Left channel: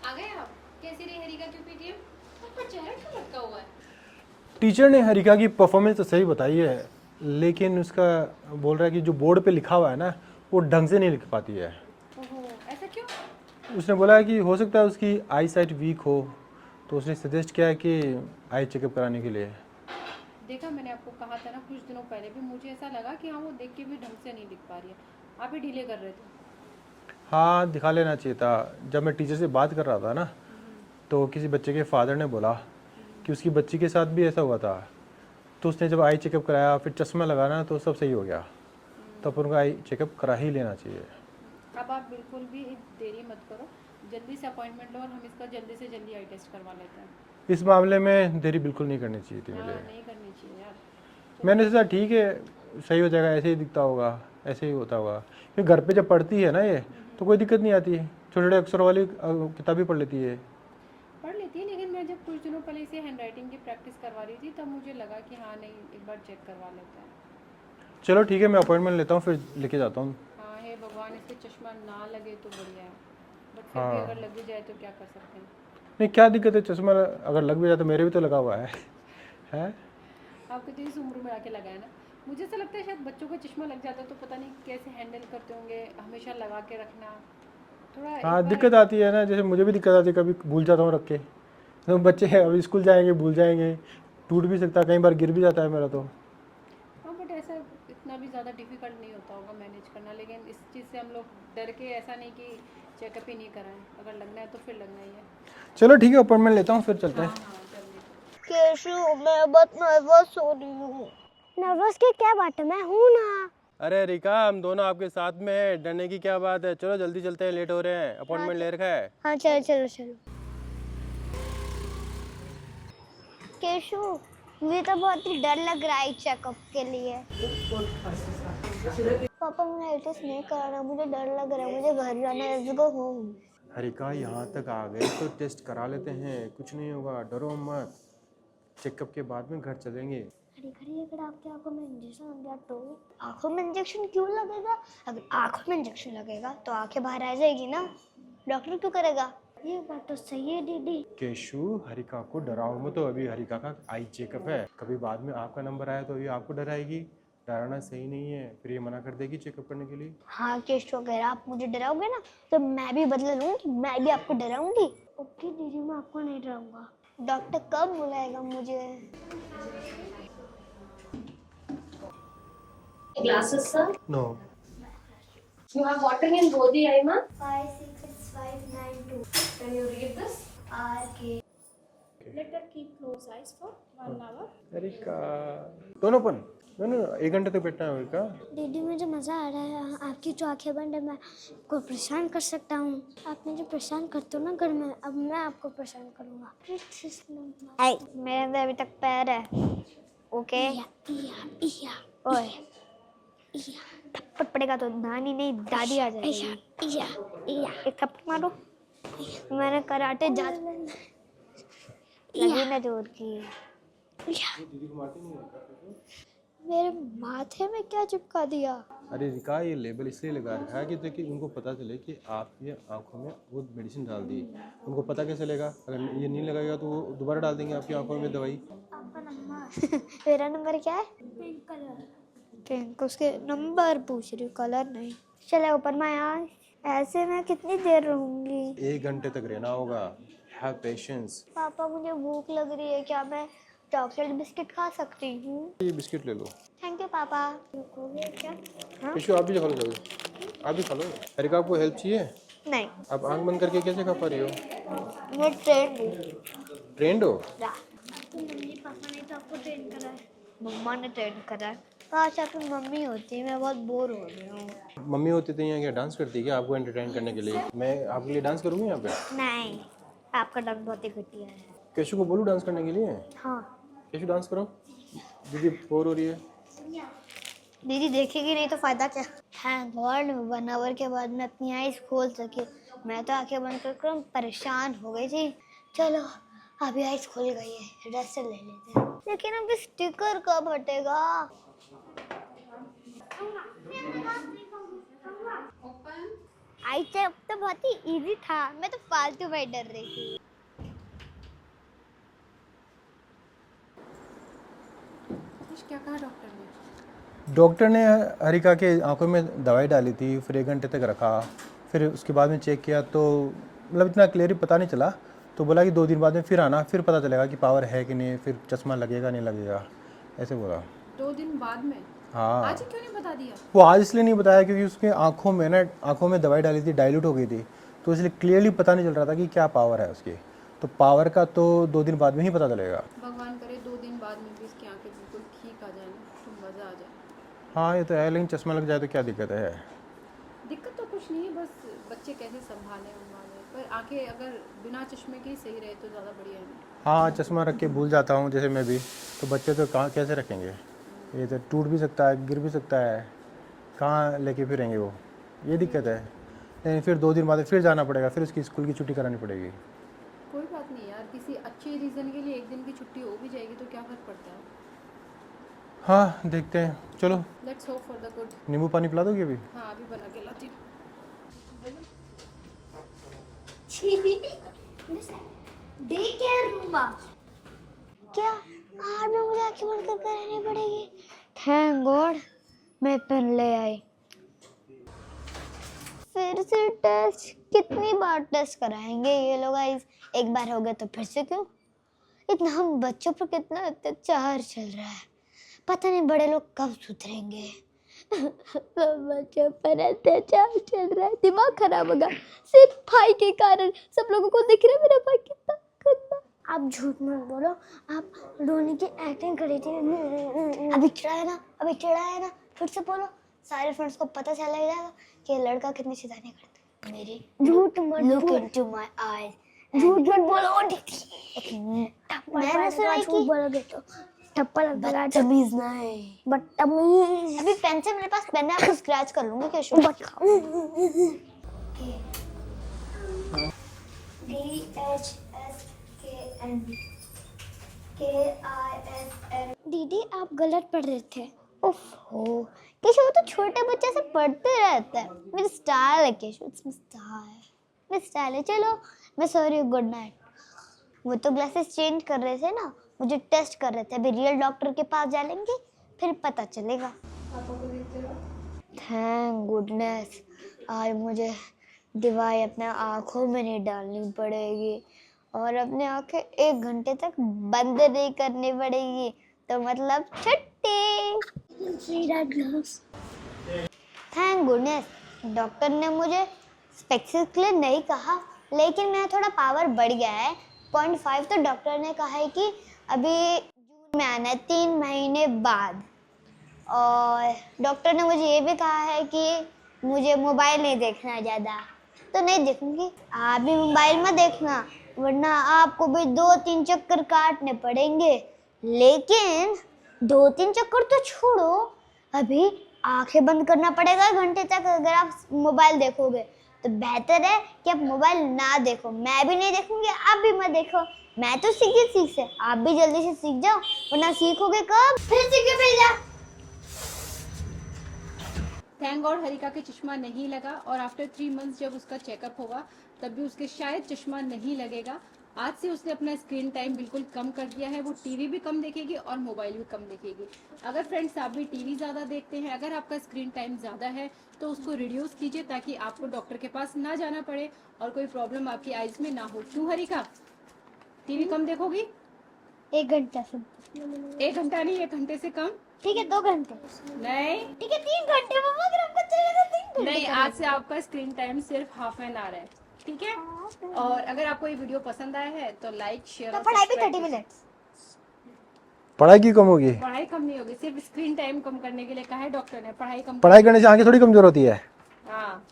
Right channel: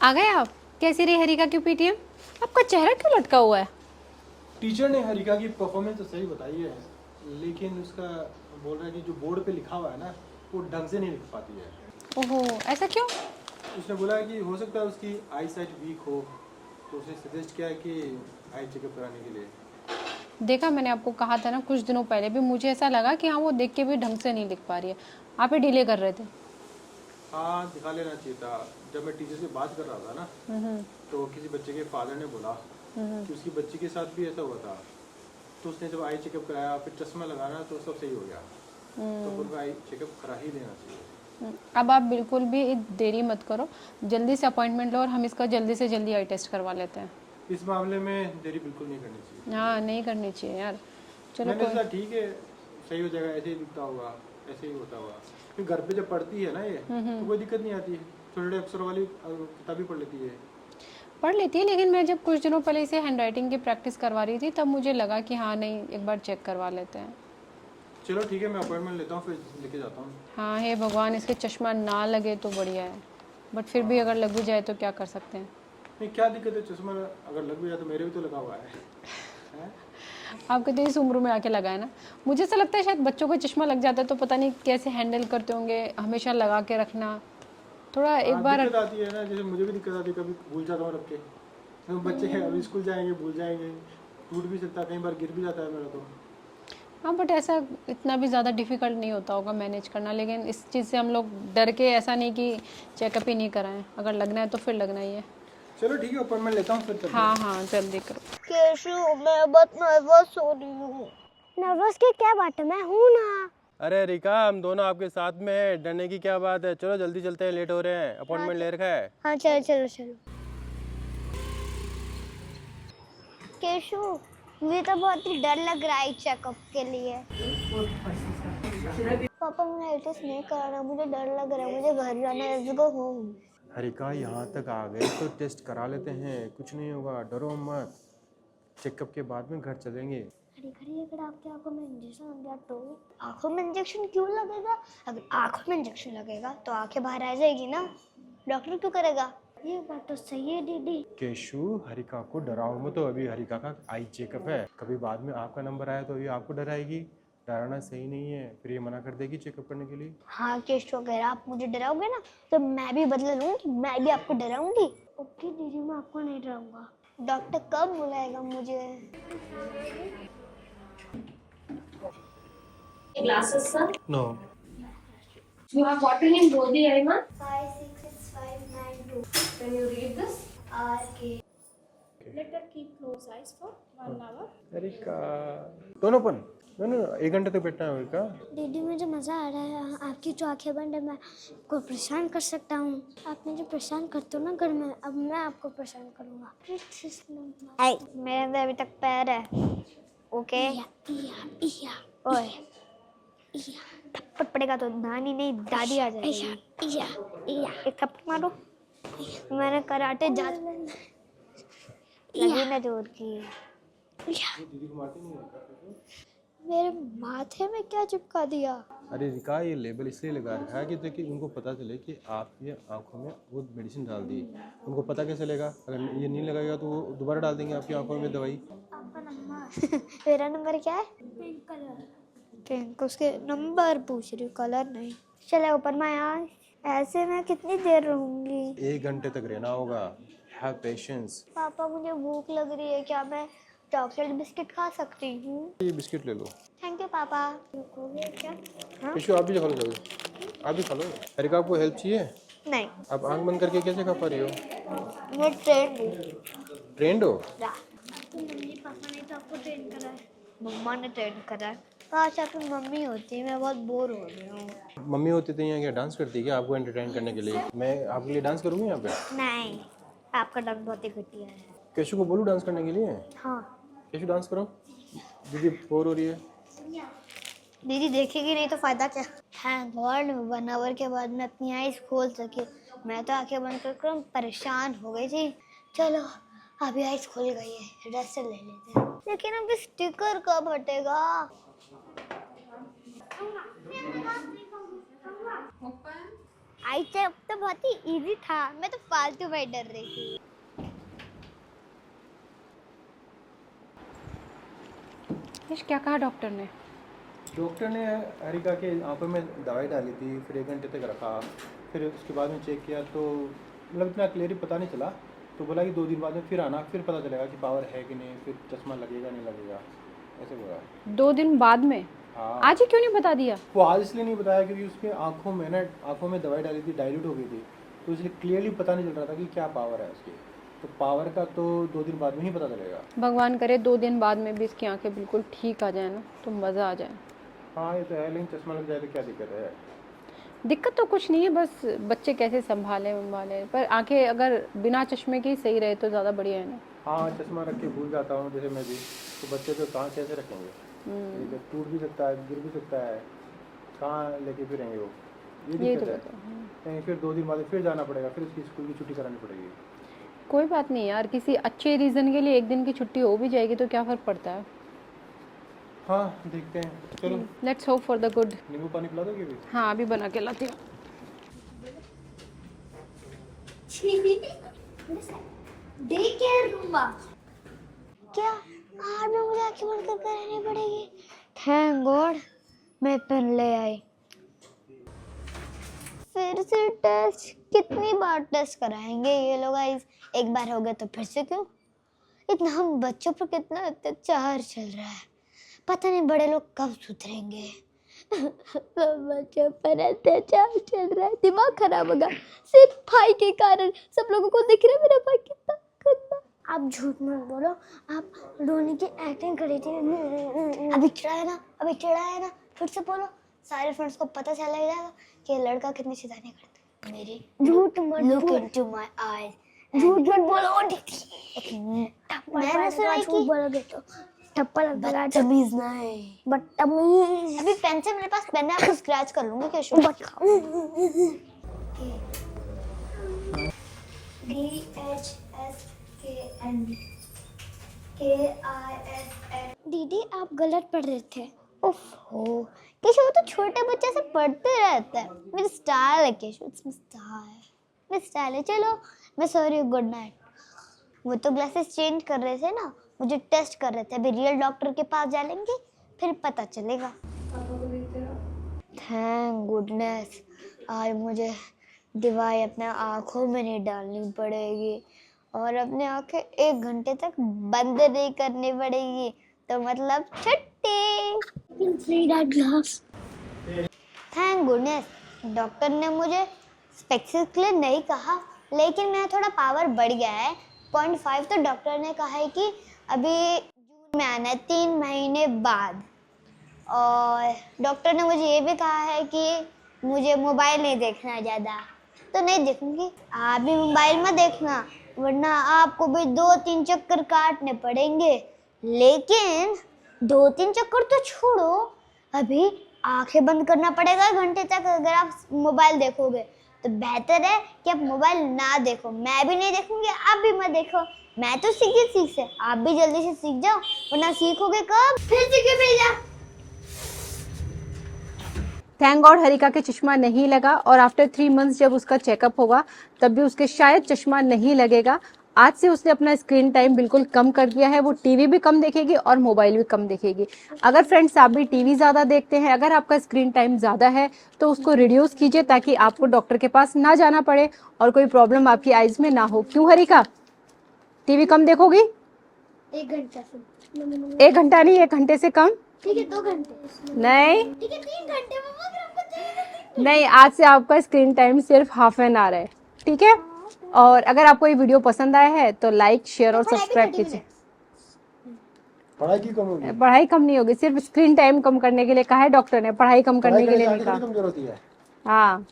आ गए आप? कैसी रही हरिका की पीटीएम? आपका चेहरा क्यों लटका हुआ है? टीचर ने हरिका की परफॉर्मेंस तो सही बताई है, लेकिन उसका बोल रहा है कि जो बोर्ड पे लिखा हुआ है ना, वो ढंग से नहीं लिख पाती है। ओहो, ऐसा क्यों? उसने बोला है कि हो सकता है उसकी आई साइट वीक हो, तो उसने सजेस्ट किया है कि आई चेकअप कराने के लिए। देखा, मैंने आपको कहा था ना कुछ दिनों पहले भी, मुझे ऐसा लगा कि हाँ वो देख के भी ढंग से नहीं लिख पा रही है। आप ही डिले कर रहे थे। हाँ, दिखा लेना चाहिए था। जब मैं टीचर से बात कर रहा था ना, हम्म। तो किसी बच्चे के फादर ने बोला हम्म। कि उसकी बच्ची के साथ भी ऐसा हुआ था। तो उसने जब आई चेकअप कराया, फिर चश्मा लगाना, तो सब सही हो गया। तो फिर उनका आई चेकअप करा ही लेना चाहिए। अब आप बिल्कुल भी देरी मत करो, जल्दी से अपॉइंटमेंट लो और हम इसका जल्दी से जल्दी आई टेस्ट करवा लेते हैं। इस मामले में देरी बिल्कुल नहीं करनी चाहिए थी हाँ, मुझे। नहीं करनी चाहिए यार। चलो मैंने कोई। सोचा ठीक है, सही हो जाएगा, ऐसे ही दिखता होगा, ऐसे ही होता होगा। फिर घर पे जब पढ़ती है ना ये, तो कोई दिक्कत नहीं आती। छोटे छोटे अक्षर वाली किताबें पढ़ लेती है। पढ़ लेती है, लेकिन मैं जब कुछ दिनों पहले इसे हैंड राइटिंग की प्रैक्टिस करवा रही थी, तब मुझे लगा कि हाँ नहीं, एक बार चेक करवा लेते हैं। चलो ठीक है, मैं अपॉइंटमेंट लेता हूँ, फिर लेके जाता हूँ। हाँ, हे भगवान, इसके चश्मा ना लगे तो बढ़िया है, बट फिर भी हाँ, अगर लग भी जाए तो क्या कर सकते हैं। नहीं क्या दिक्कत है, चश्मा अगर लग भी जाए तो मेरे भी तो लगा हुआ है। है? आपके तो इस उम्र में आके लगा है ना। मुझे ऐसा लगता है शायद बच्चों को चश्मा लग जाता है तो पता नहीं कैसे हैंडल करते होंगे, हमेशा लगा के रखना थोड़ा एक हाँ, बार। दिक्कत आती है ना, जैसे मुझे भी दिक्कत आती है, कभी भूल जाता हूँ रख के। तो बच्चे हैं, अभी स्कूल जाएंगे, भूल जाएंगे, टूट भी सकता है, कई बार गिर भी जाता है मेरा तो। हाँ, बट ऐसा इतना भी ज़्यादा डिफिकल्ट नहीं होता होगा मैनेज करना, लेकिन इस चीज़ से हम लोग डर के ऐसा नहीं कि चेकअप ही नहीं कराएं, अगर लगना है तो फिर लगना ही है। चलो ठीक है, अपॉइंटमेंट लेता हूँ, फिर चलते हैं। हाँ हाँ, जल्दी करो। केशु, मैं बहुत नर्वस हो रही हूँ। नर्वस की क्या बात है, मैं हूँ ना। अरे रिका, हम दोनों आपके साथ में हैं, डरने की क्या बात है। चलो जल्दी चलते हैं, लेट हो रहे हैं, अपॉइंटमेंट ले रखा है। हाँ, चलो चलो चलो। केशु, मुझे तो बहुत ही डर लग रहा है चेकअप के लिए। पापा, मुझे आई टेस्ट नहीं कराना, मुझे डर लग रहा है, मुझे घर जाना है, लेट्स गो होम। हरिका, यहाँ तक आ गए तो टेस्ट करा लेते हैं, कुछ नहीं होगा, डरो मत। चेकअप के बाद में घर चलेंगे। घड़ी घड़ी अगर आपकी आंखों में इंजेक्शन लग गया तो? आंखों में इंजेक्शन क्यों लगेगा? अगर आंखों में इंजेक्शन लगेगा तो आंखें बाहर आ जाएगी ना, डॉक्टर क्यों करेगा? ये बात तो सही है दीदी। केशु, हरिका को डराओ मत, तो अभी हरिका का आई चेकअप है, कभी बाद में आपका नंबर आया तो ये आपको डराएगी। डराना सही नहीं है, फिर ये मना कर देगी चेकअप करने के लिए। हाँ केशु, अगर आप मुझे डराओगे ना तो मैं भी बदला लूंगी, मैं भी आपको डराऊंगी। ओके दीदी, मैं आपको नहीं डराऊंगा। डॉक्टर कब बुलाएगा मुझे? Glasses, sir. No. You have water in both the eye, ma'am. 56592 Can you read this? RK। Let her keep closed eyes for 1 hour. Harika, दोनों पन, दोनों 1 घंटे तक बैठना है हरिका। दीदी, मुझे मज़ा आ रहा है, आपकी जो आंखें बंद है मैं आपको परेशान कर सकता हूँ। आप मुझे परेशान करते हो ना घर में, अब मैं आपको परेशान करूँगा। मेरे अंदर अभी तक पैर है। ओके। ओए, थप्पड़ पड़ेगा तो नानी नहीं दादी आ जाएगी। एक थप्पड़ मारो। मैंने कराटे जा लगी ना जोर की। मेरे माथे में क्या चिपका दिया? अरे रिका, ये लेबल इसलिए लगा रखा है कि ताकि उनको पता चले कि आपकी आंखों में वो मेडिसिन डाल दी। उनको पता कैसे चलेगा? अगर ये नहीं लगेगा तो वो दोबारा डाल देंगे आपकी आंखों में दवाई। आपका नंबर मेरा नंबर क्या है? Pink colour. पिंक, उसके नंबर पूछ रही हूँ, कलर नहीं। चले ऊपर मैं यहाँ, ऐसे मैं कितनी देर रहूंगी? 1 घंटे तक रहना होगा। Have patience. पापा, मुझे भूख लग रही है, क्या मैं चॉकलेट बिस्किट खा सकती हूँ? ये बिस्किट ले लो। थैंक यू पापा। रुकोगे क्या? हाँ? केशु, आप भी खा लो जल्दी, आप भी खा लो। हरिका, आपको हेल्प चाहिए? नहीं, आप आंख बंद करके कैसे खा पा रही हो? मैं ट्रेन हूँ। ट्रेंड हो? मम्मी पापा ने तो आपको ट्रेन करा है। मम्मा ने ट्रेन करा है। काश आपकी मम्मी होती, मैं बहुत बोर हो रही हूँ। मम्मी होती तो यहाँ क्या डांस करती क्या आपको एंटरटेन करने के लिए? मैं आपके लिए डांस करूँगी यहाँ पे। नहीं, आपका डांस बहुत ही घटिया है। केशु को बोलूँ डांस करने के लिए? हाँ। केशु, डांस करो, दीदी बोर हो रही है। दीदी देखेगी नहीं तो फायदा क्या? थैंक गॉड 1 आवर के बाद मैं अपनी आईज खोल सकी। मैं तो आंखें बंद कर परेशान हो गई थी। चलो, अभी आईज खुल गई है, रेस्ट ले लेते हैं। लेकिन अभी स्टिकर कब हटेगा? Open. आई चेकअप तो बहुत ही इजी था, मैं तो फालतू में डर रही थी। क्या कहा डॉक्टर ने? डॉक्टर ने हरिका के आंखों में दवाई डाली थी, फिर 1 घंटे तक रखा, फिर उसके बाद में चेक किया तो मतलब इतना क्लियरली पता नहीं चला, तो बोला कि 2 दिन बाद में फिर आना, फिर पता चलेगा कि पावर है कि नहीं, फिर चश्मा लगेगा नहीं लगेगा, ऐसे बोला। 2 दिन बाद में? हाँ। आज ही क्यों नहीं बता दिया? वो आज इसलिए नहीं बताया क्योंकि उसके आंखों में दवाई डाली थी, डाइल्यूट हो गई थी, तो इसलिए क्लियरली पता नहीं चल रहा था कि क्या पावर है उसकी। तो पावर का तो 2 दिन बाद में ही पता चलेगा। भगवान करे 2 दिन बाद में भी इसकी आंखें बिल्कुल ठीक आ जाए ना, तो मज़ा आ जाए। हाँ ये तो है, लेकिन चश्मा लग जाए तो क्या दिक्कत है? दिक्कत तो कुछ नहीं है, बस बच्चे कैसे संभालें उनवाले, पर आंखें अगर बिना चश्मे के ही सही रहे तो ज़्यादा बढ़िया है ना। हाँ चश्मा रख के भूल जाता हूँ जैसे मैं भी, तो बच्चे तो कहाँ कैसे रखेंगे? ये तो टूट भी सकता है, गिर भी सकता है, कहाँ लेके फिरेंगे वो, ये दिक्कत है। लेकिन फिर 2 दिन बाद फिर जाना पड़ेगा, फिर उसकी स्कूल की छुट्टी करानी पड़ेगी। कोई बात नहीं यार, किसी अच्छे रीज़न के लिए 1 दिन की छुट्टी हो भी जाएगी तो क्या फ़र्क पड़ता है। हाँ देखते हैं, चलो। Let's hope for the good. नींबू पानी पिला दोगे अभी? हाँ अभी बना के लाती हूँ। डे केयर रूम क्या आज में मुझे आंखें बंद कर रहनी पड़ेगी? थैंक गॉड मैं पेन ले आई। फिर से टेस्ट, कितनी बार टेस्ट कराएंगे ये लोग? गाइस एक बार हो गया तो फिर से क्यों? इतना हम बच्चों पर कितना अत्याचार चल रहा है, पता नहीं बड़े लोग कब सुधरेंगे। बच्चों पर अत्याचार चल रहा है, दिमाग खराब होगा सिर्फ भाई के कारण। सब लोगों को दिख रहा है मेरा भाई कितना गंदा। आप झूठ मत बोलो, आप रोने की एक्टिंग करी थी। अभी चिढ़ा है ना, फिर से बोलो, सारे फ्रेंड्स को पता चला जाएगा कि ये लड़का कितनी शैतानी करता है। मेरी झूठ मत लुक इनटू माय आईज, झूठ मत बोलो दीदी। मैंने सुना है कि बोलोगे तो थप्पड़ लगा। बदतमीज नहीं, बदतमीज। अभी पेन से मेरे पास पेन है, आपको स्क्रैच कर लूंगी क्या? शुरू दीदी आप गलत पढ़ रहे थे। ओफो केशव, वो तो छोटे बच्चे से पढ़ते रहता है। मेरी स्टाइल है केशव, मेरी स्टाइल है। चलो मैं सॉरी, गुड नाइट। वो तो ग्लासेस चेंज कर रहे थे ना, मुझे टेस्ट कर रहे थे। अभी रियल डॉक्टर के पास जाएंगे फिर पता चलेगा। थैंक गुडनेस आज मुझे दवाई अपने आँखों में नहीं डालनी पड़ेगी और अपने आँखें 1 घंटे तक बंद नहीं करनी पड़ेगी, तो मतलब छुट्टी। थैंक गुडनेस डॉक्टर ने मुझे स्पेक्स के लिए नहीं कहा, लेकिन मेरा थोड़ा पावर बढ़ गया है 0.5। तो डॉक्टर ने कहा है कि अभी जून में आना है, 3 महीने बाद। और डॉक्टर ने मुझे ये भी कहा है कि मुझे मोबाइल नहीं देखना है ज़्यादा, तो नहीं देखूंगी। आप भी मोबाइल मत देखना, वरना आपको भी 2-3 चक्कर काटने पड़ेंगे। लेकिन 2-3 चक्कर तो छोड़ो, अभी आंखें बंद करना पड़ेगा 1 घंटे तक। अगर आप मोबाइल देखोगे तो बेहतर है कि आप मोबाइल ना देखो। मैं भी नहीं देखूंगी, आप भी मत देखो। मैं तो सीख से, आप भी जल्दी से सीख जाओ, वरना सीखोगे कब? फिर सीखे भेजा। थैंक गॉड हरिका के चश्मा नहीं लगा, और आफ्टर 3 मंथ्स जब उसका चेकअप होगा तब भी उसके शायद चश्मा नहीं लगेगा। आज से उसने अपना स्क्रीन टाइम बिल्कुल कम कर दिया है। वो टीवी भी कम देखेगी और मोबाइल भी कम देखेगी। अगर फ्रेंड्स आप भी टीवी ज़्यादा देखते हैं, अगर आपका स्क्रीन टाइम ज़्यादा है तो उसको रिड्यूस कीजिए, ताकि आपको डॉक्टर के पास ना जाना पड़े और कोई प्रॉब्लम आपकी आइज़ में ना हो। क्यों हरिका, टीवी कम देखोगी? 1 घंटा से 1 घंटा नहीं, 1 घंटे से कम। ठीक है, 2 घंटे नहीं ठीक है, 3 घंटे मम्मा। अगर आपको चाहिए नहीं, आज से आपका स्क्रीन टाइम सिर्फ ½ एन आवर है, ठीक है? और अगर आपको ये वीडियो पसंद आया है तो लाइक, शेयर और सब्सक्राइब कीजिए। पढ़ाई क्यों कम होगी? पढ़ाई कम नहीं होगी, सिर्फ स्क्रीन टाइम कम करने के लिए कहा है डॉक्टर ने। पढ़ाई कम पढ़ाई करने से आंखें थोड़ी कमजोर होती है। हाँ,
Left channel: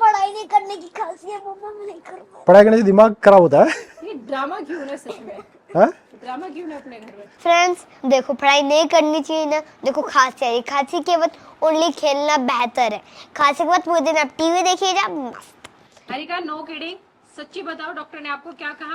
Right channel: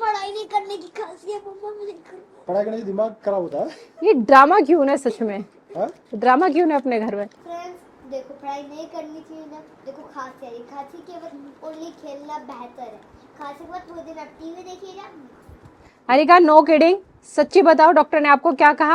पढ़ाई नहीं करने की खासियत मम्मा में नहीं करना। पढ़ाई करने से दिमाग खराब होता है। ये ड्रामा क्यों है सच में? हाँ? ड्रामा क्यों है अपने घर में? फ्रेंड्स देखो, पढ़ाई नहीं करनी चाहिए ना। देखो खांसी आई, खांसी के वक्त ओनली खेलना बेहतर है। खांसी के वक्त पूरे दिन आप टीवी देखिए जा। हरिका नो किडिंग, सच्ची बताओ डॉक्टर ने आपको क्या कहा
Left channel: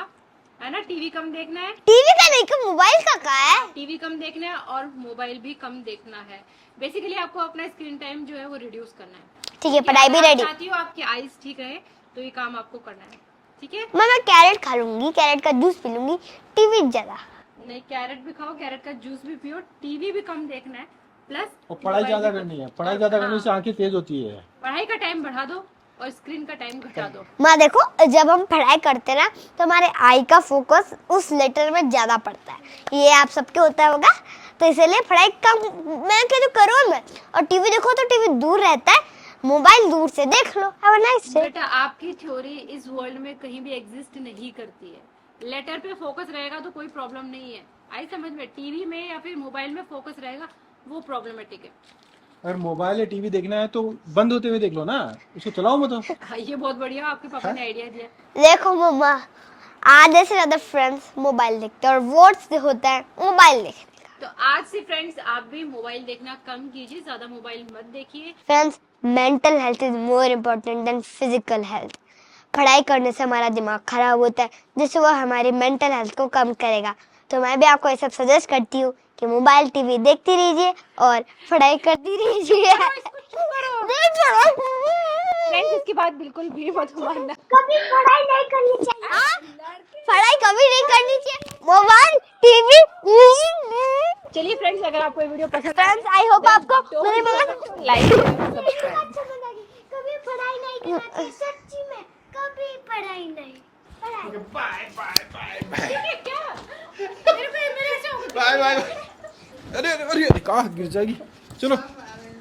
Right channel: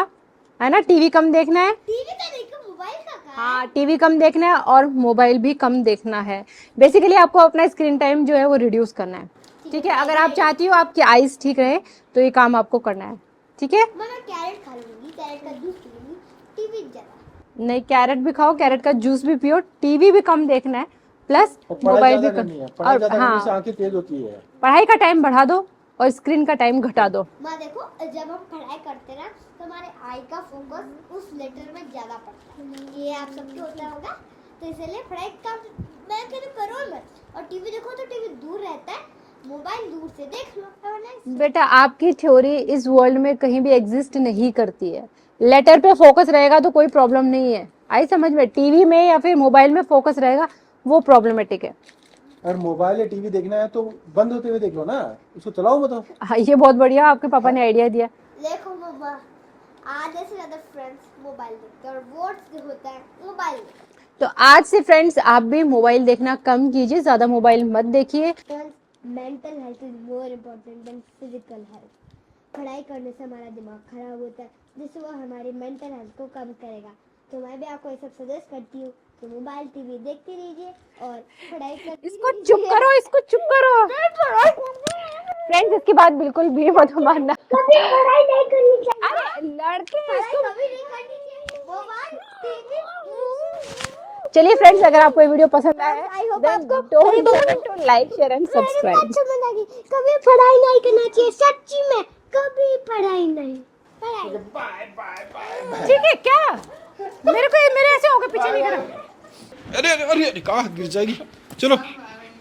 है? ना टीवी कम देखना है। टीवी का नहीं, का मोबाइल का कहा है। टीवी कम देखना है और मोबाइल भी कम देखना है। बेसिकली आपको अपना स्क्रीन टाइम जो है वो रिड्यूस करना है। ठीक है, ठीक है, पढ़ाई अगर भी आप रेडी। चाहती हो आपकी आईज ठीक रहे तो ये काम आपको करना है, ठीक है। मैं कैरेट खा लूंगी, कैरेट का जूस पी लूंगी, टीवी ज्यादा। नहीं, कैरेट भी खाओ, कैरेट का जूस भी पियो, टीवी भी कम देखना है, प्लस और पढ़ाई मोबाइल भी ज़्यादा कम। करनी है, पढ़ाई और ज़्यादा करने से हाँ, आंखें तेज होती है। पढ़ाई का टाइम बढ़ा दो और स्क्रीन का टाइम घटा दो। माँ देखो, जब हम पढ़ाई करते हैं ना तो हमारे आई का फोकस उस लेटर में ज्यादा पड़ता है, ये आप सबके होता होगा, तो इसलिए पढ़ाई कम मैं क्या तो करो मैं। और टीवी देखो तो टीवी दूर रहता है, मोबाइल दूर से देख लो। Have a nice day. बेटा, आपकी थ्योरी इस वर्ल्ड में कहीं भी एग्जिस्ट नहीं करती है। लेटर पे फोकस रहेगा तो कोई प्रॉब्लम नहीं है, आई समझ में। टीवी में या फिर मोबाइल में फोकस रहेगा वो प्रॉब्लमेटिक है। अगर मोबाइल या टीवी देखना है तो बंद होते हुए देख लो ना, उसको चलाओ मत। हाँ, ये बहुत बढ़िया आपके पापा ने आइडिया दिया। देखो मम्मा, आधे से ज्यादा फ्रेंड्स मोबाइल देखते हैं और वोट्स होता है मोबाइल देखते। तो आज से फ्रेंड्स आप भी मोबाइल देखना कम कीजिए, ज्यादा मोबाइल मत देखिए। Friends, mental health is more important then physical health. पढ़ाई करने से हमारा दिमाग खराब होता है, जिससे वो हमारी मेंटल हेल्थ को कम करेगा। तो मैं भी आपको ये सब सजेस्ट करती हूँ कि मोबाइल टीवी देखती रहिए और पढ़ाई करती रहिए। चुप करो, इसको चुप करो। फ्रेंड्स, इसकी बात बिल्कुल भी मत मानना। कभी पढ़ाई नहीं करनी चाहिए। पढ़ाई कभी नहीं करनी चाहिए, मोबाइल टीवी। चलिए फ्रेंड्स, अगर आपको ये वीडियो पसंद आया Friends, I hope आपको लाइक करें, सब्सक्राइब। कभी पढ़ाई नहीं करना चाहिए, सच्ची में कभी पढ़ाई नहीं। ठीक है क्या? मेरे ऐसे होगा पीछे। अरे अरे अरे कहाँ गिर जाएगी। चलो